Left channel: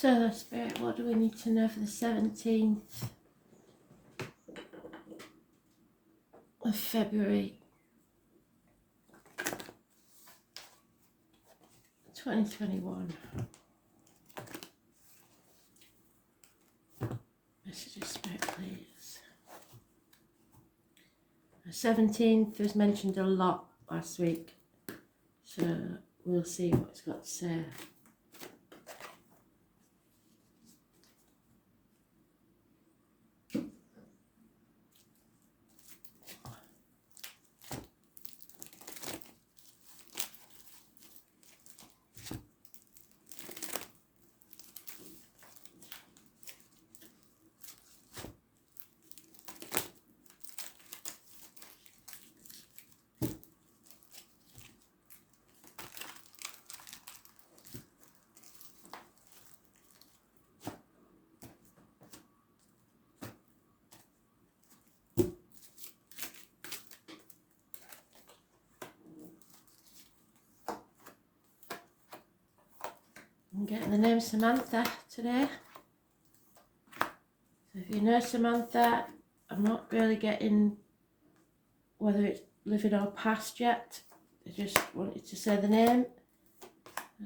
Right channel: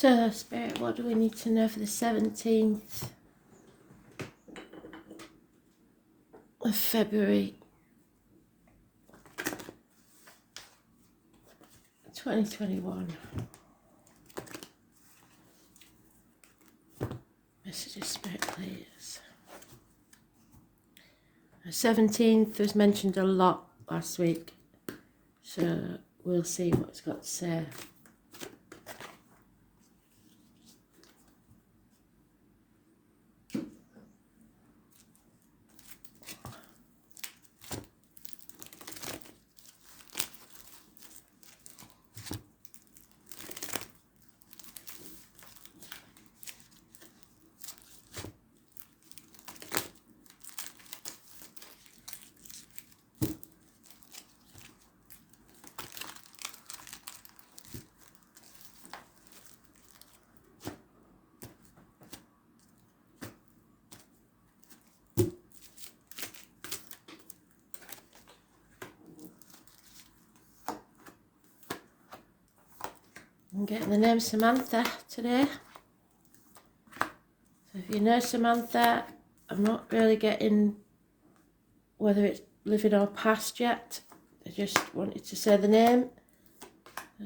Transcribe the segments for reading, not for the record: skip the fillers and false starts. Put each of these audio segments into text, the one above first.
So, Spirit, what do we need to know for the 17th of February 2021? Messages, Spirit, please. The 17th was mentioned a lot last week, so we'll see what it's got to say. I'm getting the name Samantha today. So if you know Samantha, I'm not really getting whether it's living or past yet. I just wanted to say the name.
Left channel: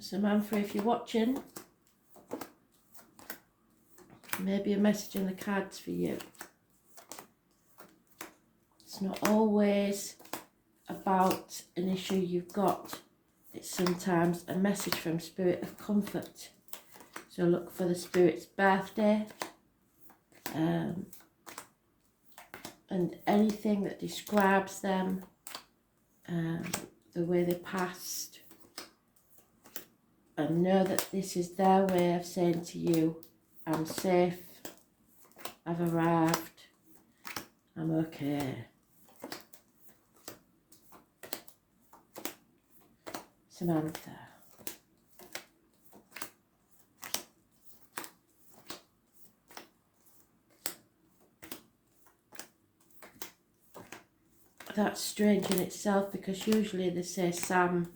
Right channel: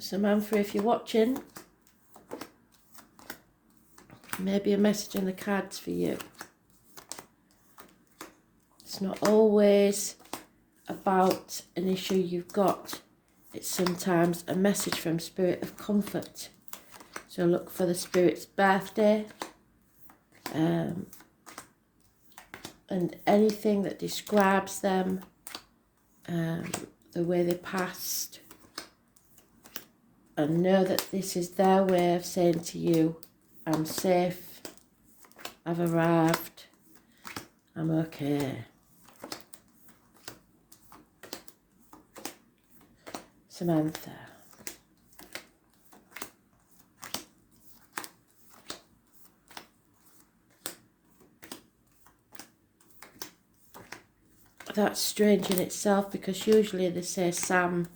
Samantha, if you're watching, maybe a message in the cards for you. It's not always about an issue you've got. It's sometimes a message from Spirit of comfort. So look for the Spirit's birthday and anything that describes them, the way they passed. And know that this is their way of saying to you, I'm safe, I've arrived, I'm okay. Samantha. That's strange in itself, because usually they say Sam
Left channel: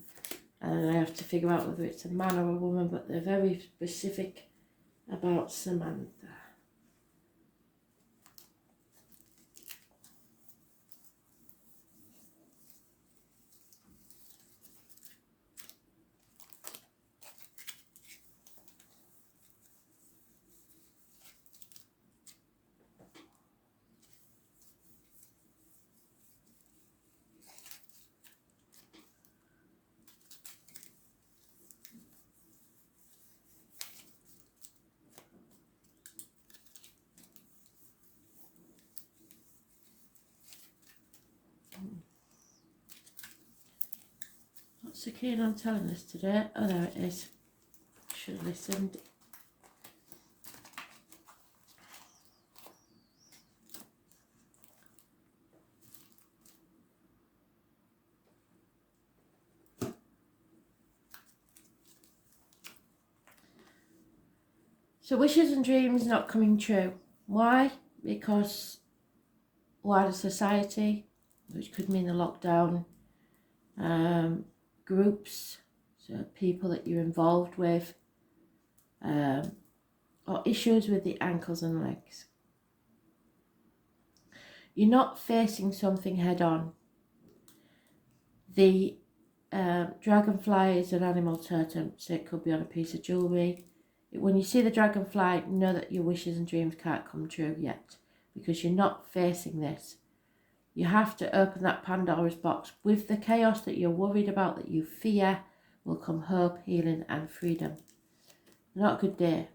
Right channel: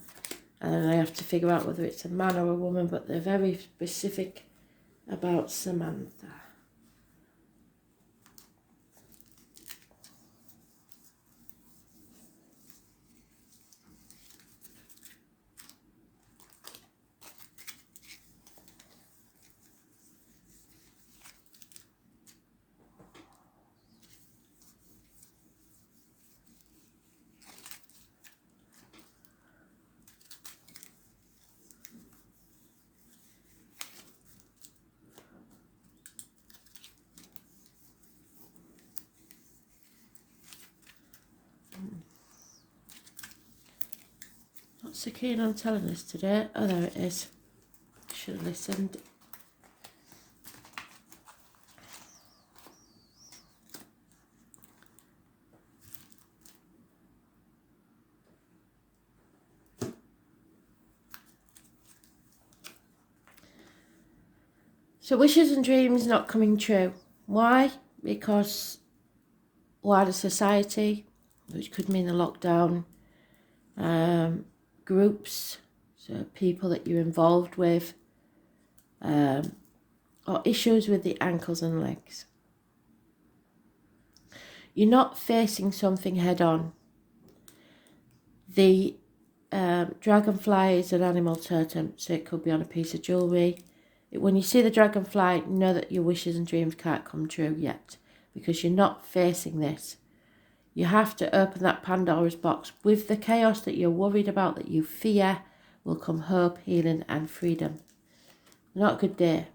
and I have to figure out whether it's a man or a woman, but they're very specific about Samantha. Not so keen on telling us today. Oh, there it is. Should have listened. So wishes and dreams not coming true. Why? Because wider society, which could mean the lockdown, groups, so people that you're involved with, or issues with the ankles and legs. You're not facing something head on. The dragonfly is an animal totem, so it could be on a piece of jewellery. When you see the dragonfly, know that your wishes and dreams can't come true yet, because you're not facing this. You have to open that Pandora's box. With the chaos that you're worried about, that you fear, will come hope, healing and freedom. Not a good day.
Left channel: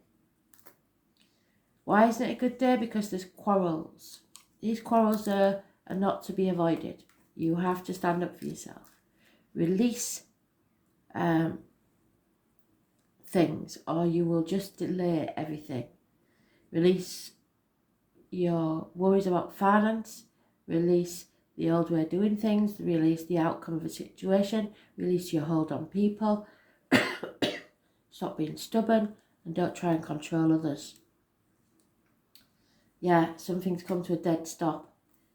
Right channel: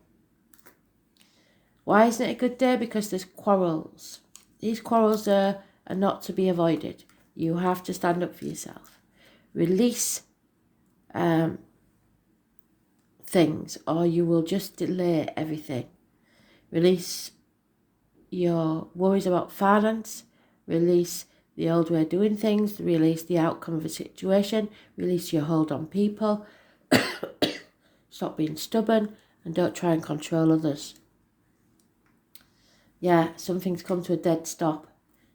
Why isn't it a good day? Because there's quarrels. These quarrels are not to be avoided. You have to stand up for yourself. Release things, or you will just delay everything. Release your worries about finance. Release the old way of doing things. Release the outcome of a situation. Release your hold on people. Stop being stubborn and don't try and control others. Yeah, some things come to a dead stop.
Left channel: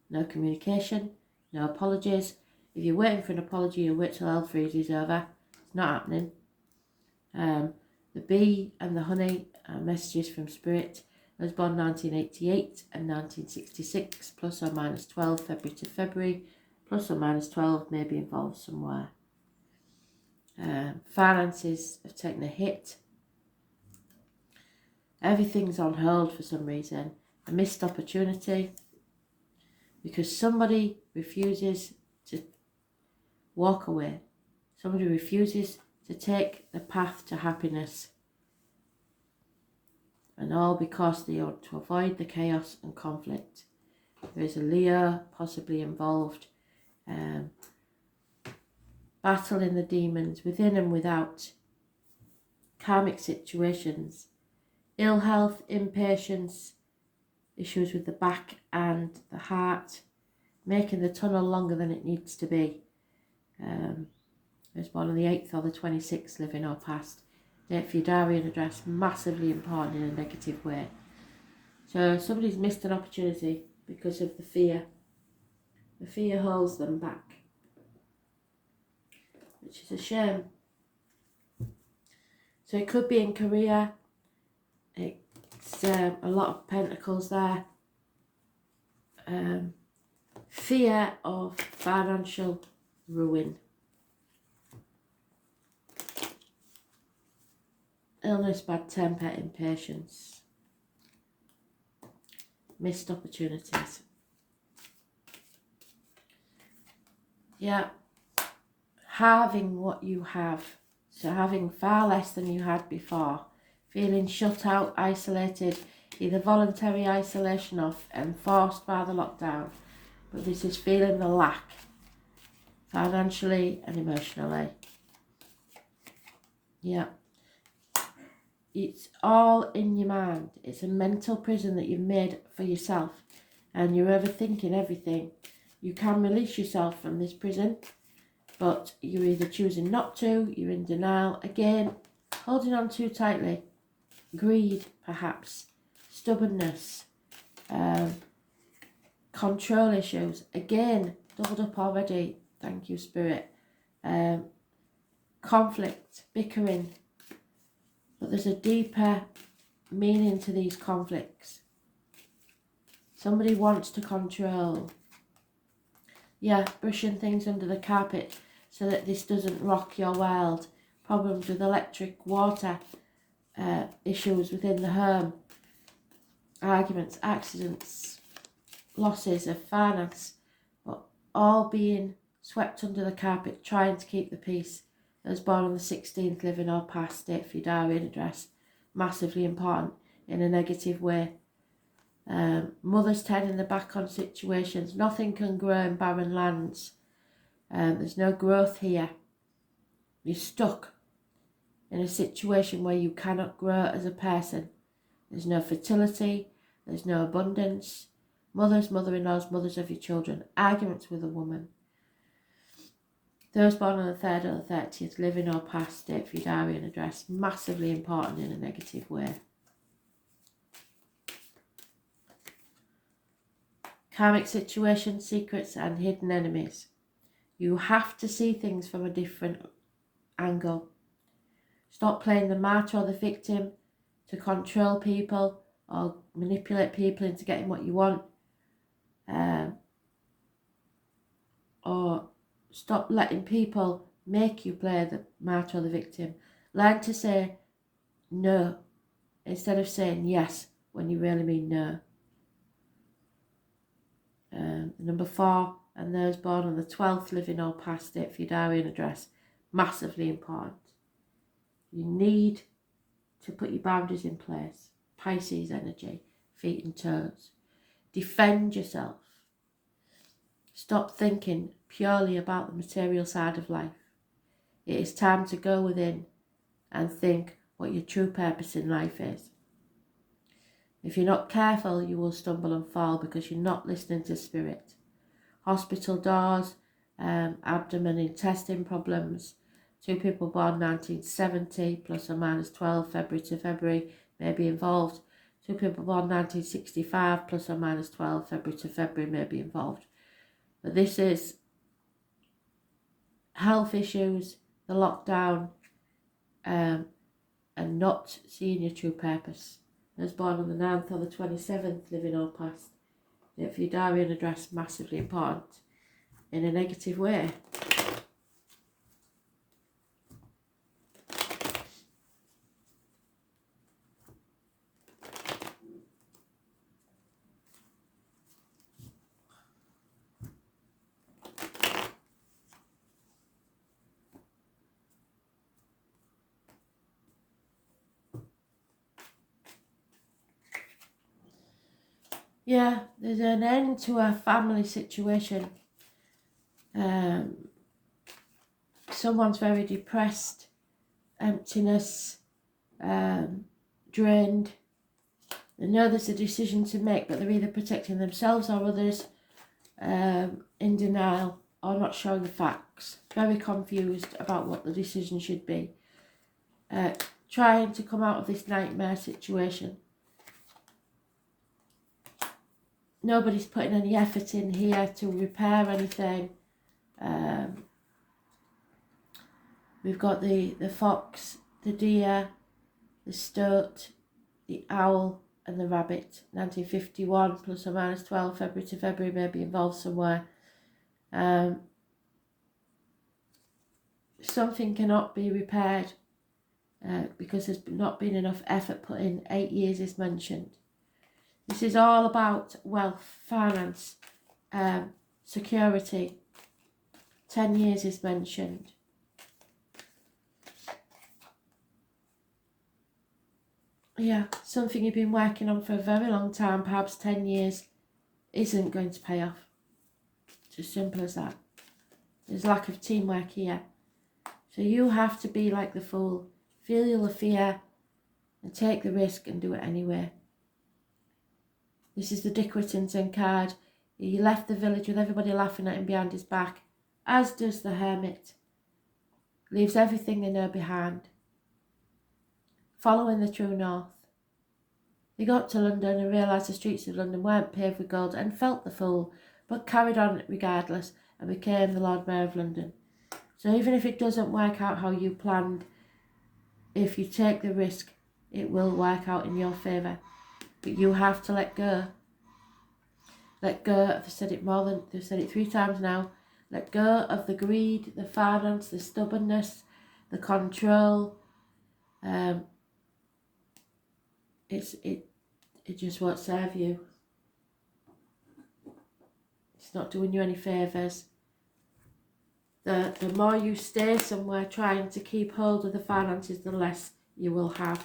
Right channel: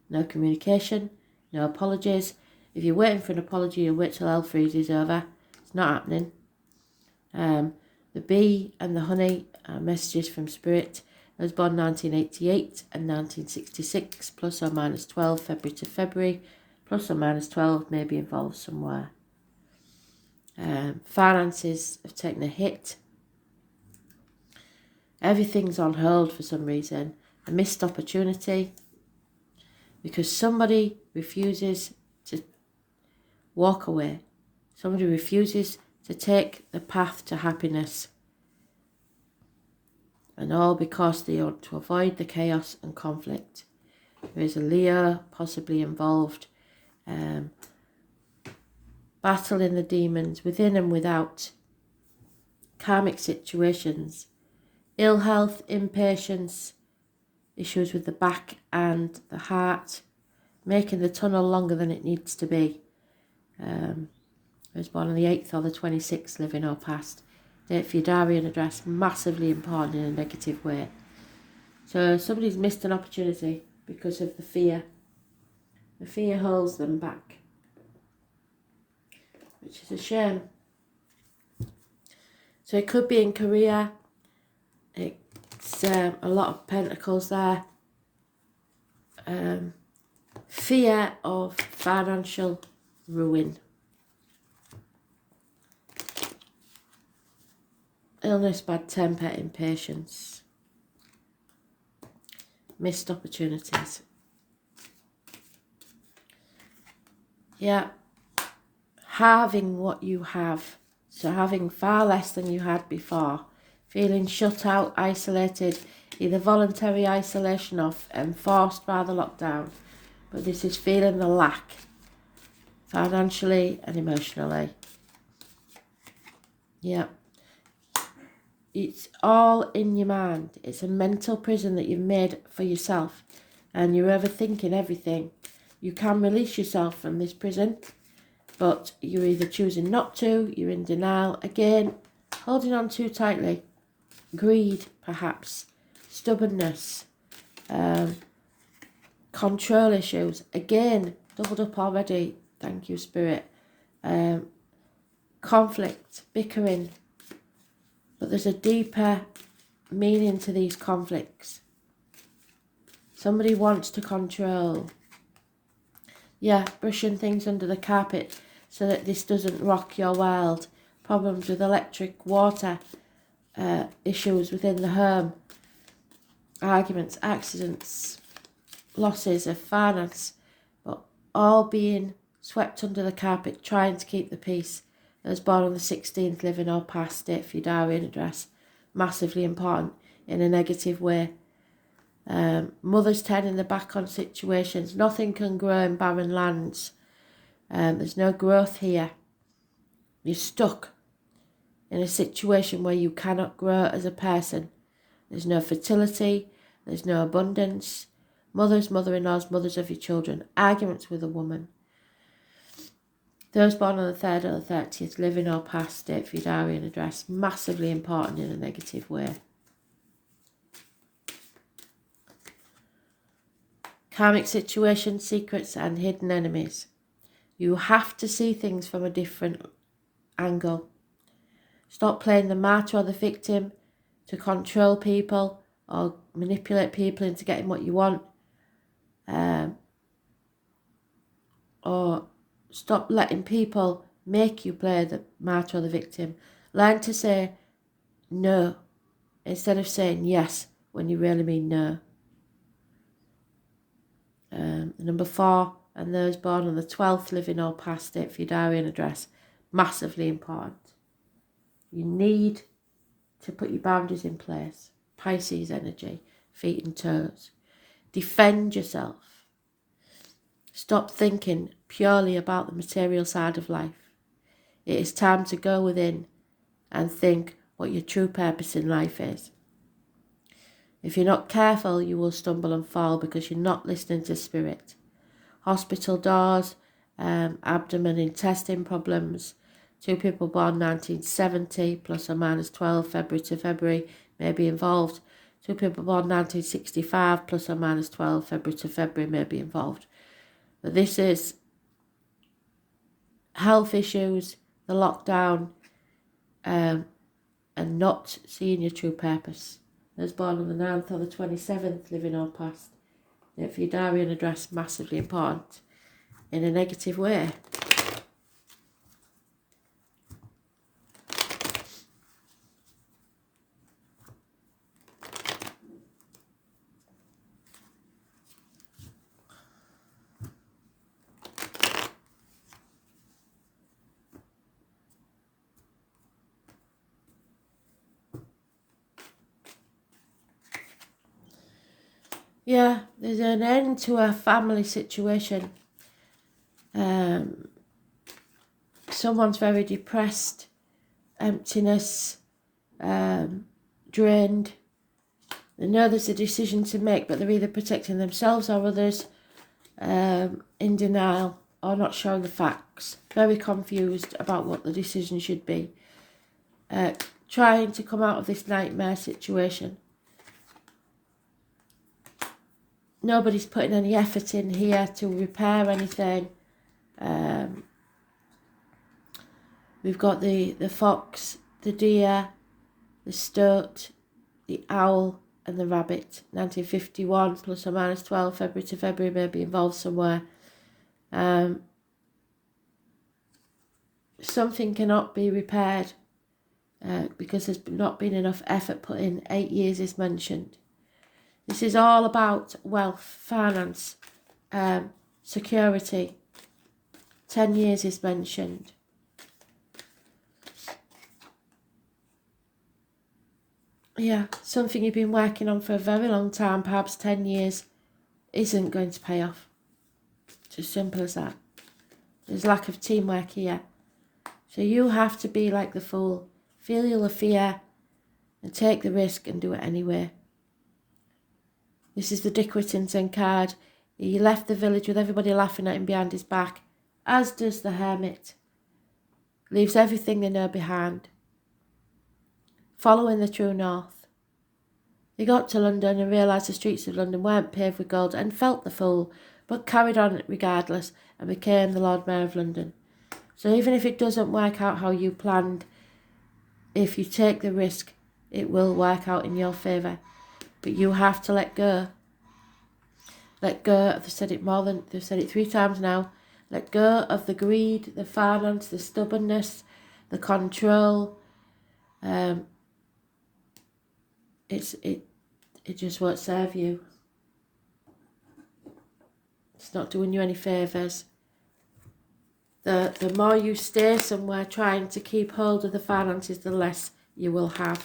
No communication, no apologies. If you're waiting for an apology, you'll wait till hell freezes over. It's not happening. The bee and the honey messages from Spirit. I was born 1988 and 1966, plus or minus 12, February to February, plus or minus 12, may be involved somewhere. Finances have taken a hit. Everything's on hold for some reason. A missed opportunity because somebody refuses to walk away. Somebody refuses to take the path to happiness. And all because they want to avoid the chaos and conflict. There is a Leo possibly involved. Battling the demons within and without. Karmic situations. Ill health, impatience, issues with the back and the heart, making the tunnel longer than it needs to be. I was born on the 8th or the 26th, living or past. Date for your diary and address, massively important in a negative way. So somebody's missed an opportunity because of the fear. The fear holds them back, which is a shame. So it could be in career. It's a lot of pentacles there. Fear of financial ruin. Illness, bad temper, impatience. Missed opportunities. Yeah. Having what you have. So having far less than you had before. Feeling shut out, isolated. Either voluntary isolation or enforced by the lockdown. But this is feeling the lack. Financially and emotionally. Yeah. It's all in your mind. It's a mental prison that you've made for yourself. And you're overthinking everything. You can release yourself from this prison. But you're either choosing not to. You're in denial. Again, holding on too tightly. Greed, perhaps. Stubbornness. Control issues. Again, doubled up already. Thank you, Spirit. Conflict. Bickering. But there's a deeper meaning to these conflicts. Somebody wants to control. Yeah, brushing things under the carpet so that this doesn't rock your world. Problems with electric, water, issues within the home. Arguments, accidents, losses of finance. But all being swept under the carpet, trying to keep the peace. I was born on the 16th, living or past, date for your diary and address. Massively important in a negative way. Mother's turning the back on situations. Nothing can grow in barren lands. There's no growth here. You're stuck in a situation where you cannot grow as a person. There's no fertility. There's no abundance. Mothers, mother-in-laws, mothers of your children. Arguments with a woman. Those born on the 3rd or the 30th, living or past, date for your diary and address. Massively important in a negative way. Karmic situations, secrets and hidden enemies. You have to see things from a different angle. Stop playing the martyr or the victim to control people or manipulate people into getting what you want. Or stop letting people make you play the martyr or the victim. Learn to say no instead of saying yes when you really mean no. Number 4, and those born on the 12th, living or past, date for your diary and address. Massively important. You need to put your boundaries in place. Pisces energy, feet and toes. Defend yourself. Stop thinking purely about the material side of life. It is time to go within and think what your true purpose in life is. If you're not careful, you will stumble and fall because you're not listening to spirit. Hospital doors, abdomen, intestine problems. 2 people born 1970, plus or minus 12, February to February, may be involved. 2 people born 1965, plus or minus 12, February to February, may be involved. But this is health issues, the lockdown, and not seeing your true purpose. Those born on the 9th or the 27th, living or past. For your diary and address, massively important in a negative way. Yeah, there's an end to a family situation. Someone's very depressed, emptiness, drained. They know there's a decision to make, but they're either protecting themselves or others, in denial or not showing the facts. Very confused about what the decision should be. Trying to come out of this nightmare situation. Nobody's putting any effort in here to repair anything. We've got the fox, the deer, the stoat, the owl and the rabbit. 1951 plus or minus 12, February to February, maybe involved somewhere. Something cannot be repaired because there's not been enough effort put in. 8 years is mentioned. This is all about wealth, finance, security. 10 years is mentioned. Yeah, something you've been working on for a very long time, perhaps 10 years, isn't going to pay off. It's as simple as that. There's lack of teamwork here. So you have to be like the fool, feel your fear and take the risk and do it anyway. This is the Dick Whittington card. He left the village with everybody laughing at him behind his back, as does the hermit. Leaves everything they know behind. Following the true north. He got to London and realised the streets of London weren't paved with gold and felt the fool, but carried on regardless and became the Lord Mayor of London. So even if it doesn't work out how you planned, if you take the risk, it will work out in your favour. But you have to let go. Let go. They've said it 3 times now. Let go of the greed, the finance, the stubbornness, the control. It just won't serve you. It's not doing you any favours. The more you stay somewhere trying to keep hold of the finances, the less you will have.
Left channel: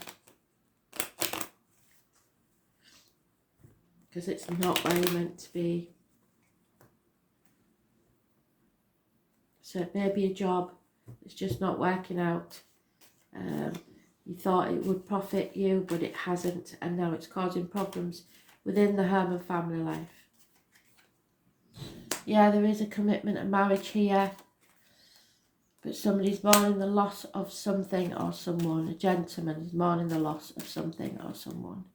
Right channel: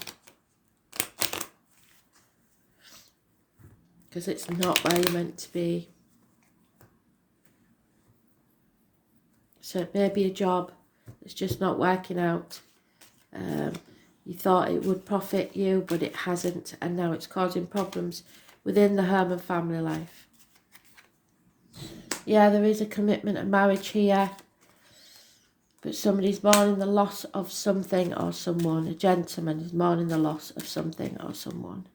Because it's not where you're meant to be. So it may be a job that's just not working out. You thought it would profit you, but it hasn't, and now it's causing problems within the home and family life. Yeah, there is a commitment and marriage here, but somebody's mourning the loss of something or someone. A gentleman is mourning the loss of something or someone.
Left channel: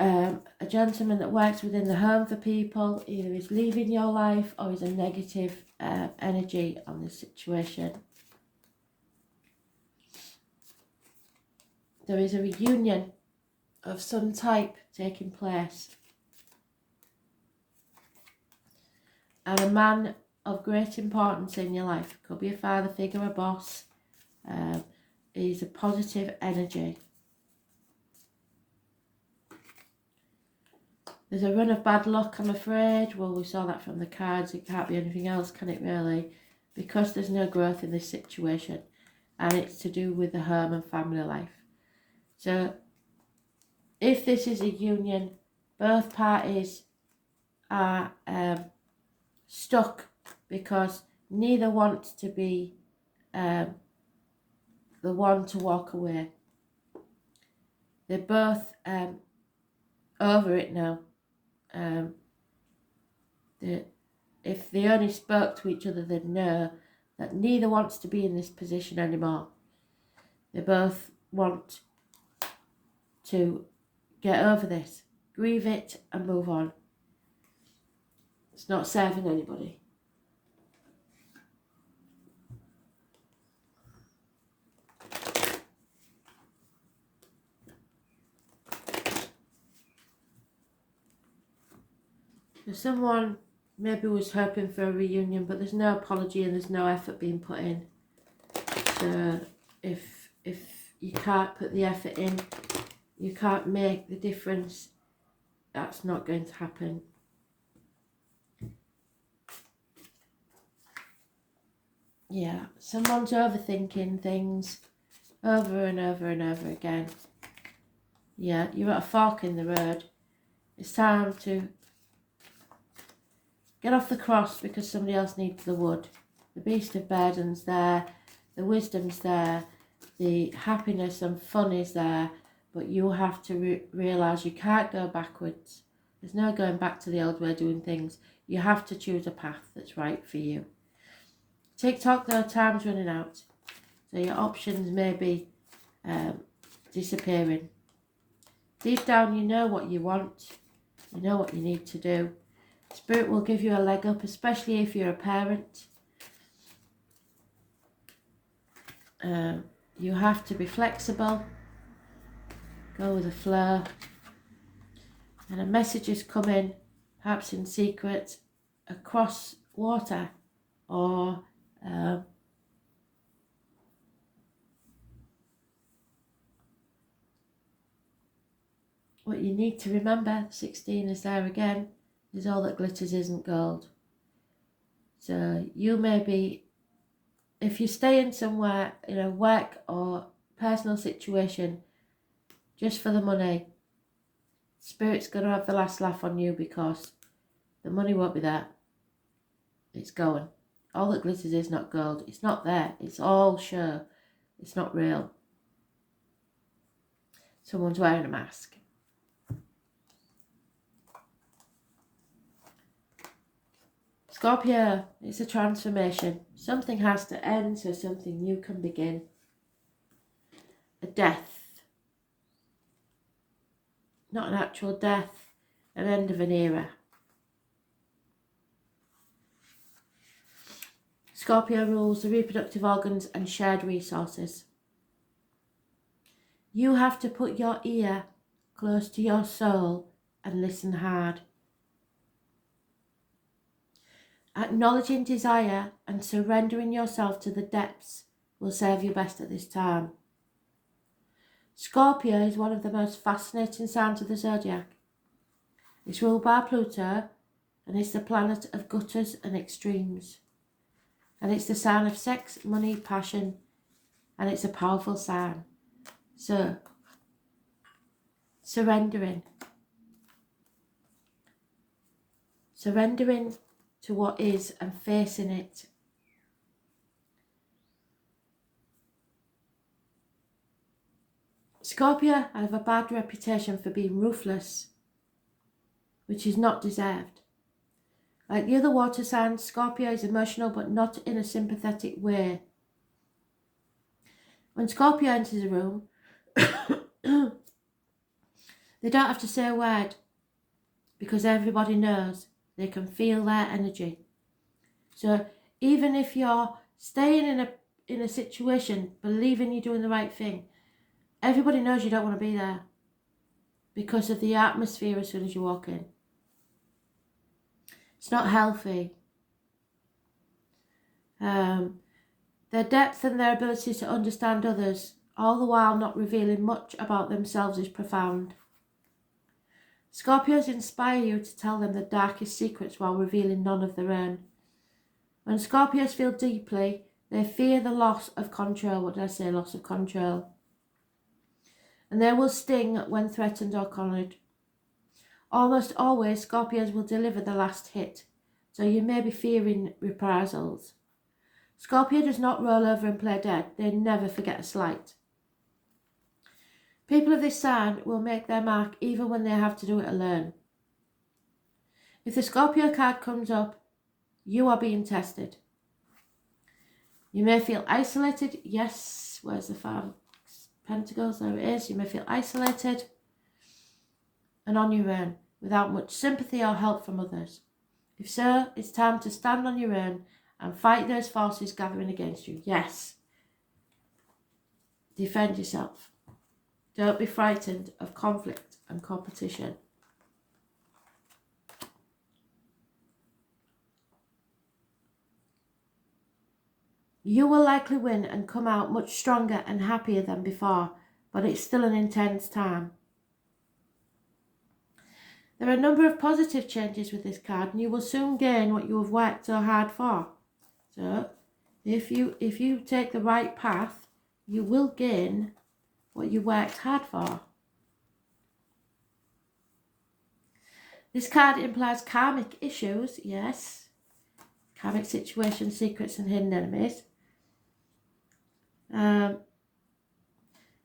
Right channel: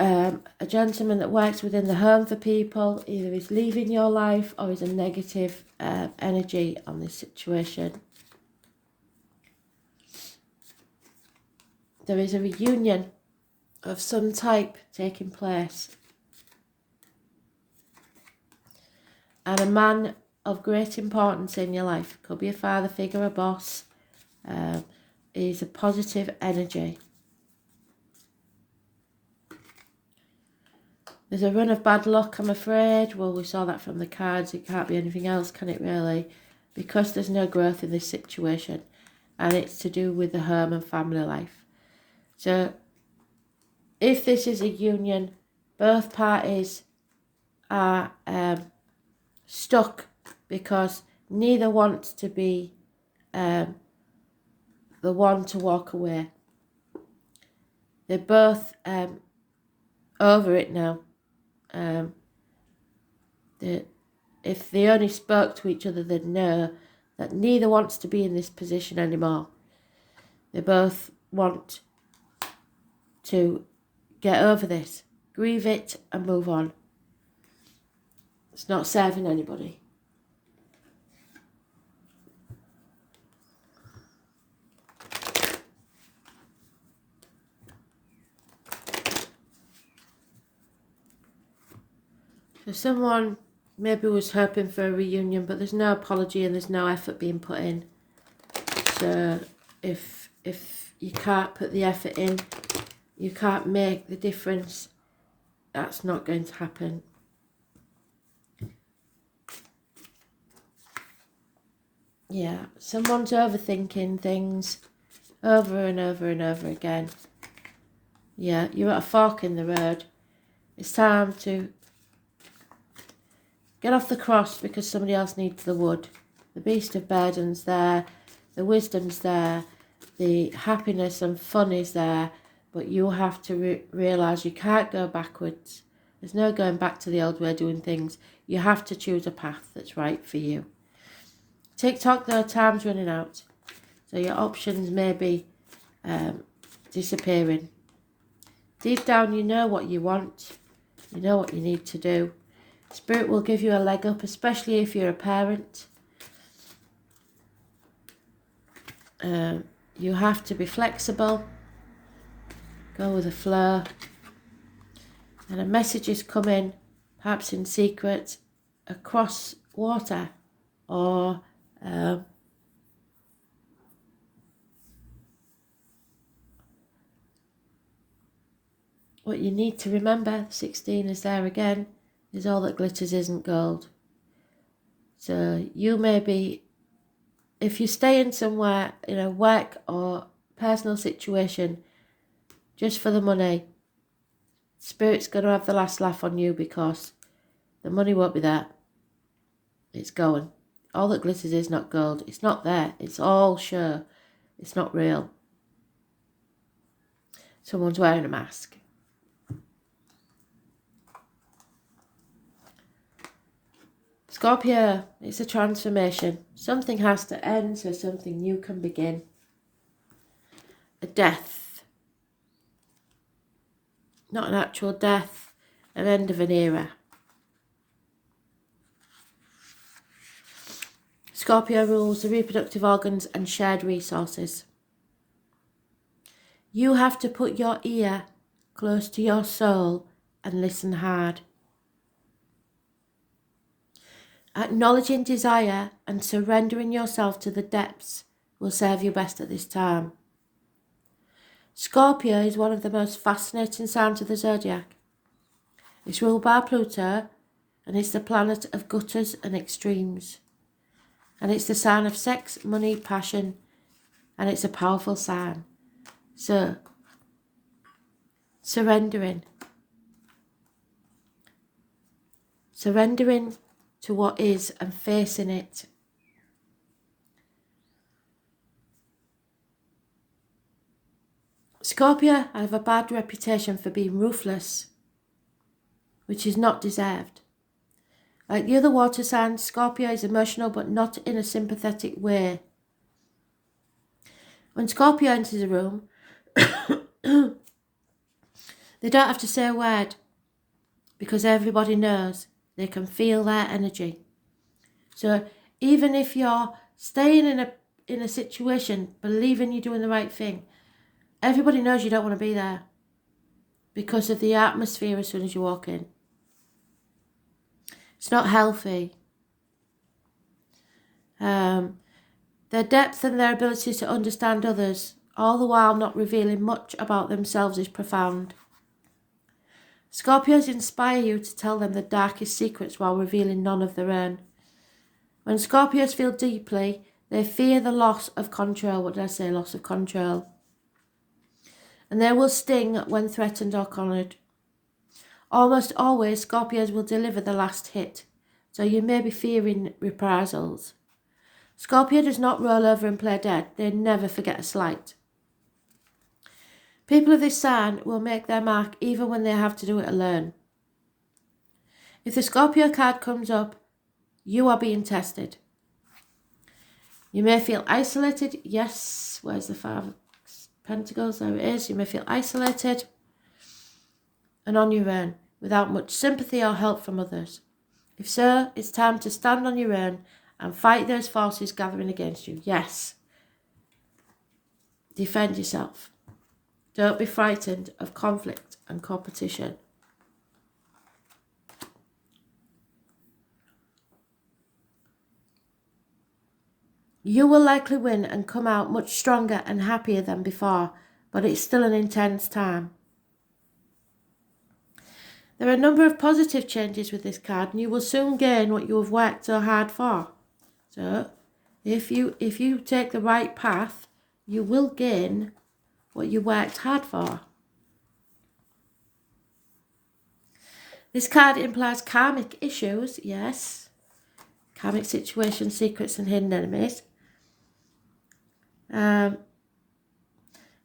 A gentleman that works within the home for people either is leaving your life or is a negative energy on this situation. There is a reunion of some type taking place. And a man of great importance in your life, could be a father figure, a boss, is a positive energy. There's a run of bad luck, I'm afraid. Well, we saw that from the cards. It can't be anything else, can it really? Because there's no growth in this situation. And it's to do with the home and family life. So, if this is a union, both parties are stuck because neither wants to be the one to walk away. They're both over it now. If they only spoke to each other, they'd know that neither wants to be in this position anymore. They both want to get over this, grieve it and move on. It's not serving anybody. So someone maybe was hoping for a reunion, but there's no apology and there's no effort being put in. So if you can't put the effort in, you can't make the difference, that's not going to happen. Yeah, someone's overthinking things over and over and over again. Yeah, you're at a fork in the road. It's time to get off the cross because somebody else needs the wood. The beast of burden's there, the wisdom's there, the happiness and fun is there, but you have to realise you can't go backwards. There's no going back to the old way of doing things. You have to choose a path that's right for you. TikTok, though, time's running out. So your options may be disappearing. Deep down, you know what you want. You know what you need to do. Spirit will give you a leg up, especially if you're a parent. You have to be flexible. Go with the flow. And a message is coming, perhaps in secret, across water or what you need to remember, 16 is there again, is all that glitters isn't gold. So you may be, if you stay in somewhere, in a work or personal situation, just for the money, Spirit's going to have the last laugh on you because the money won't be there. It's going. All that glitters is not gold. It's not there. It's all show. It's not real. Someone's wearing a mask. Scorpio, it's a transformation. Something has to end so something new can begin. A death. Not an actual death, an end of an era. Scorpio rules the reproductive organs and shared resources. You have to put your ear close to your soul and listen hard. Acknowledging desire and surrendering yourself to the depths will serve you best at this time. Scorpio is one of the most fascinating signs of the zodiac. It's ruled by Pluto and it's the planet of gutters and extremes. And it's the sign of sex, money, passion, and it's a powerful sign. So, surrendering to what is and facing it. Scorpio have a bad reputation for being ruthless, which is not deserved. Like the other water signs, Scorpio is emotional but not in a sympathetic way. When Scorpio enters a room, they don't have to say a word because everybody knows. They can feel their energy. So even if you're staying in a situation, believing you're doing the right thing, everybody knows you don't want to be there because of the atmosphere as soon as you walk in. It's not healthy. Their depth and their ability to understand others, all the while not revealing much about themselves, is profound. Scorpios inspire you to tell them the darkest secrets while revealing none of their own. When Scorpios feel deeply, they fear the loss of control. What did I say? Loss of control. And they will sting when threatened or cornered. Almost always, Scorpios will deliver the last hit, so you may be fearing reprisals. Scorpio does not roll over and play dead. They never forget a slight. People of this sign will make their mark even when they have to do it alone. If the Scorpio card comes up, you are being tested. You may feel isolated. Yes, where's the Five of Pentacles? There it is. You may feel isolated and on your own, without much sympathy or help from others. If so, it's time to stand on your own and fight those forces gathering against you. Yes. Defend yourself. Don't be frightened of conflict and competition. You will likely win and come out much stronger and happier than before, but it's still an intense time. There are a number of positive changes with this card, and you will soon gain what you have worked so hard for. So, if you take the right path, you will gain what you worked hard for. This card implies karmic issues, yes. Karmic situations, secrets and hidden enemies.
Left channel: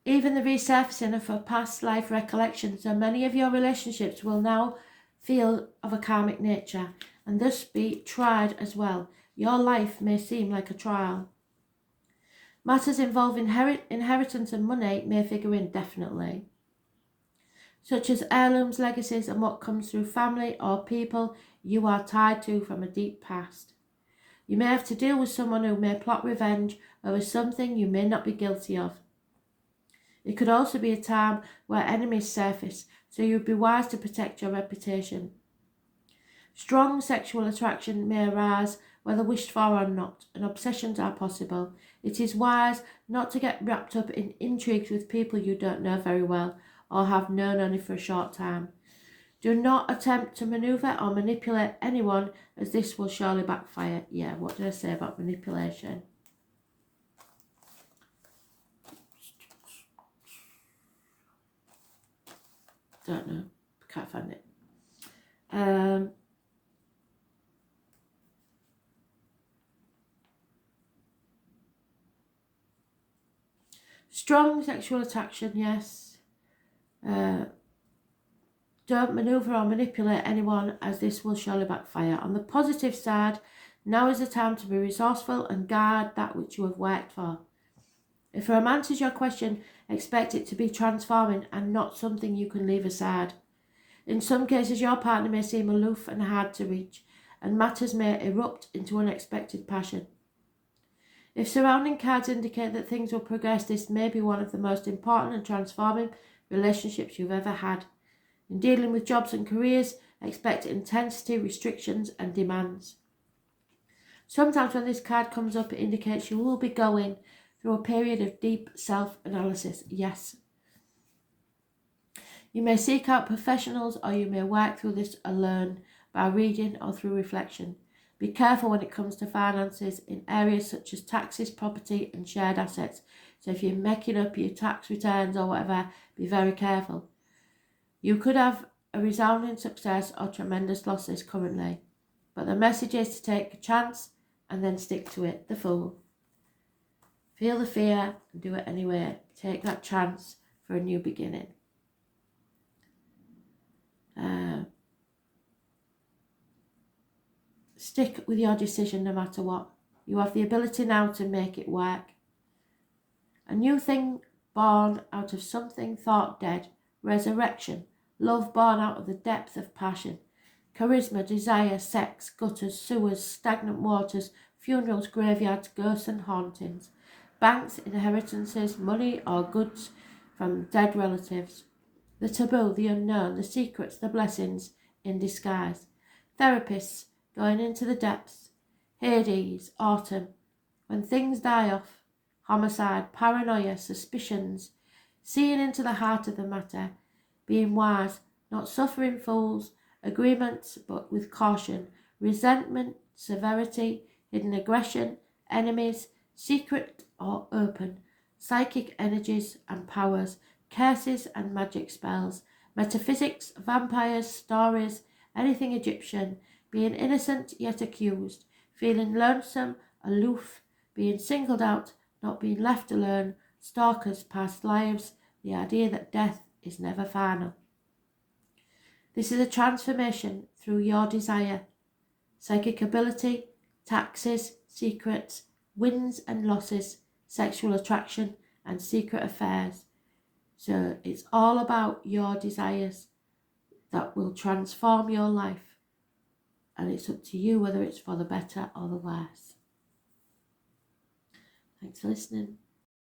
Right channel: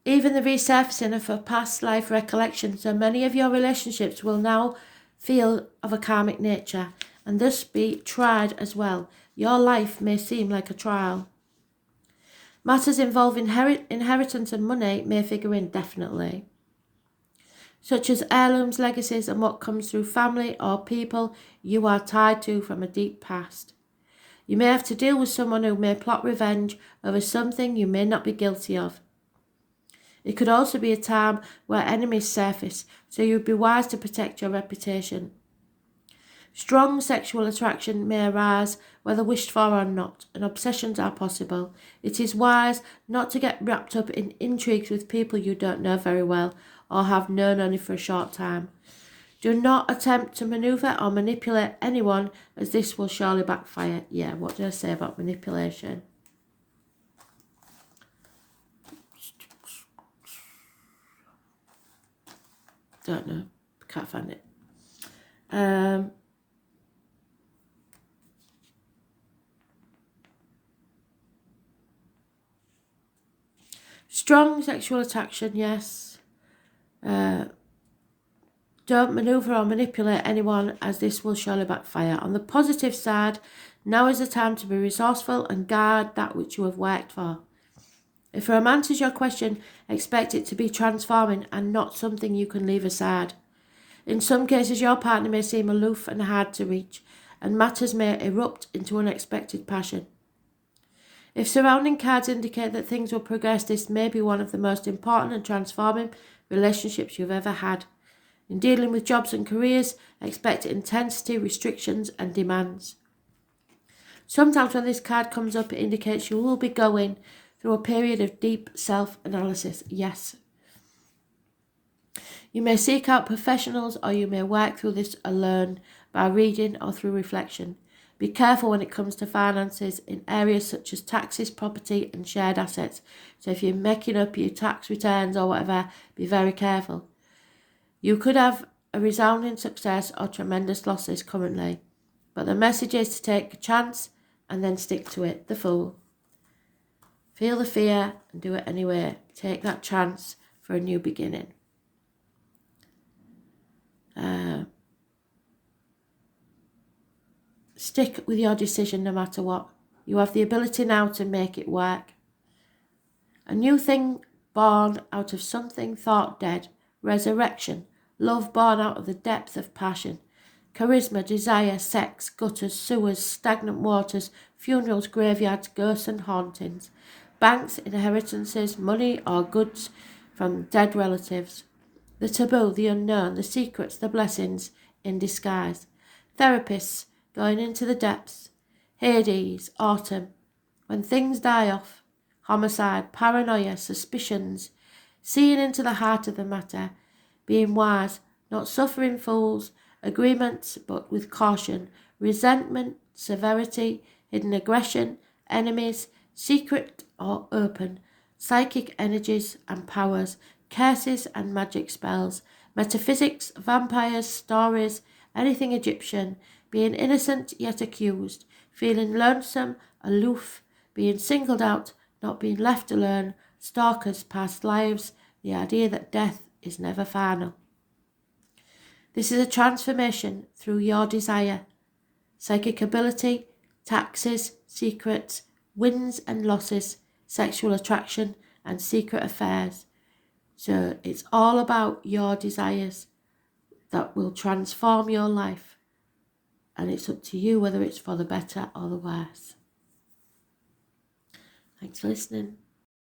Even the resurfacing of a past life recollection. So many of your relationships will now feel of a karmic nature and thus be tried as well. Your life may seem like a trial. Matters involving inheritance and money may figure in definitely, such as heirlooms, legacies, and what comes through family or people you are tied to from a deep past. You may have to deal with someone who may plot revenge over something you may not be guilty of. It could also be a time where enemies surface, so you would be wise to protect your reputation. Strong sexual attraction may arise, whether wished for or not, and obsessions are possible. It is wise not to get wrapped up in intrigues with people you don't know very well or have known only for a short time. Do not attempt to maneuver or manipulate anyone, as this will surely backfire. Yeah, what did I say about manipulation? Don't know. Can't find it. Strong sexual attraction, yes. Don't maneuver or manipulate anyone, as this will surely backfire. On the positive side, now is the time to be resourceful and guard that which you have worked for. If a romance is your question, expect it to be transforming and not something you can leave aside. In some cases, your partner may seem aloof and hard to reach, and matters may erupt into unexpected passion. If surrounding cards indicate that things will progress, this may be one of the most important and transforming relationships you've ever had. In dealing with jobs and careers, expect intensity, restrictions, and demands. Sometimes when this card comes up, it indicates you will be going through a period of deep self-analysis. Yes. You may seek out professionals, or you may work through this alone by reading or through reflection. Be careful when it comes to finances in areas such as taxes, property, and shared assets. So if you're making up your tax returns or whatever, be very careful. You could have a resounding success or tremendous losses currently, but the message is to take a chance and then stick to it. The Fool. Feel the fear and do it anyway. Take that chance for a new beginning. Stick with your decision no matter what. You have the ability now to make it work. A new thing born out of something thought dead. Resurrection. Love born out of the depth of passion. Charisma, desire, sex, gutters, sewers, stagnant waters, funerals, graveyards, ghosts and hauntings. Banks, inheritances, money or goods from dead relatives. The taboo, the unknown, the secrets, the blessings in disguise. Therapists going into the depths. Hades, autumn. When things die off. Homicide, paranoia, suspicions. Seeing into the heart of the matter. Being wise, not suffering fools. Agreements, but with caution. Resentment, severity, hidden aggression, enemies, secret or open. Psychic energies and powers. Curses and magic spells. Metaphysics, vampires, stories, anything Egyptian. Being innocent yet accused. Feeling lonesome, aloof. Being singled out, not being left alone. Stalkers, past lives. The idea that death is never final. This is a transformation through your desire. Psychic ability, taxes, secrets, wins and losses, sexual attraction and secret affairs. So it's all about your desires that will transform your life. And it's up to you whether it's for the better or the worse. Thanks for listening.